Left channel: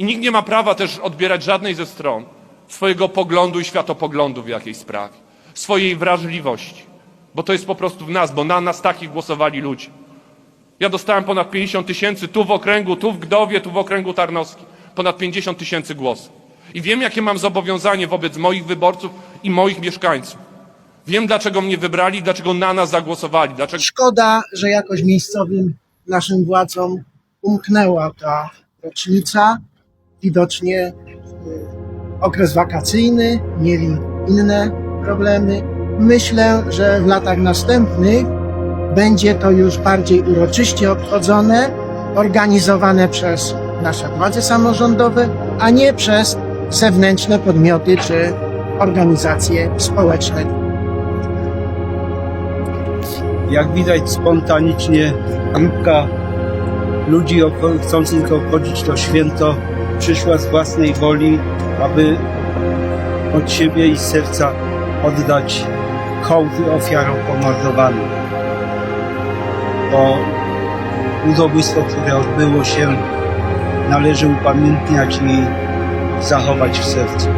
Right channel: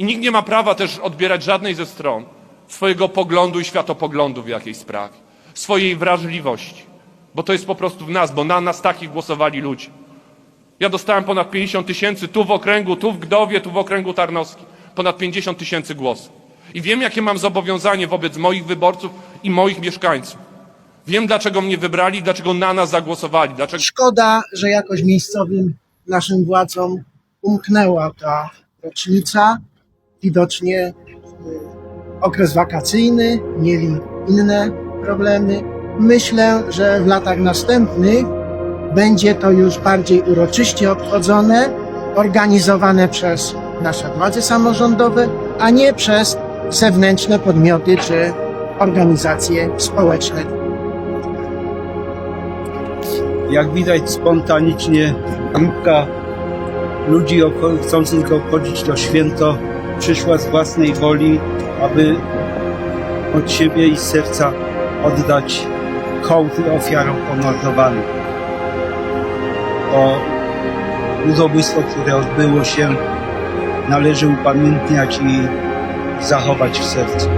I nikt nie ma prawa też odbierać żadnej ze stron swojego poglądu i światopoglądu w jakiejś sprawie, swojej wrażliwości, bo to jest po prostu w nas, bo na nas takich głosowali ludzie. Ja dostałem ponad 50 tysięcy tu w okręgu, tu w Gdowie, tu w okręgu Tarnowskim. Ponad 50 tysięcy głosów. I wiem, jakie mam zobowiązanie wobec moich wyborców i moich mieszkańców. Wiem, dlaczego mnie wybrali, dlaczego na nas zagłosowali, dlaczego Szkoda, że jakoś miejscowym naszym władzom umknęła ta rocznica. Widocznie y, okres wakacyjny, mieli inne problemy. Myślę, że w latach następnych będzie to już bardziej uroczyście obchodzone, organizowane przez nasze władze samorządowe, a nie przez zewnętrzne podmioty czy organizacje społeczne. Jak widać spontanicznie grupka ludzi chcących obchodzić to święto przyszła z własnej woli, aby od siebie i serca oddać hołdy ofiarom pomordowanym. To ludobójstwo, które odbyło się, należy upamiętniać i zachować w sercu.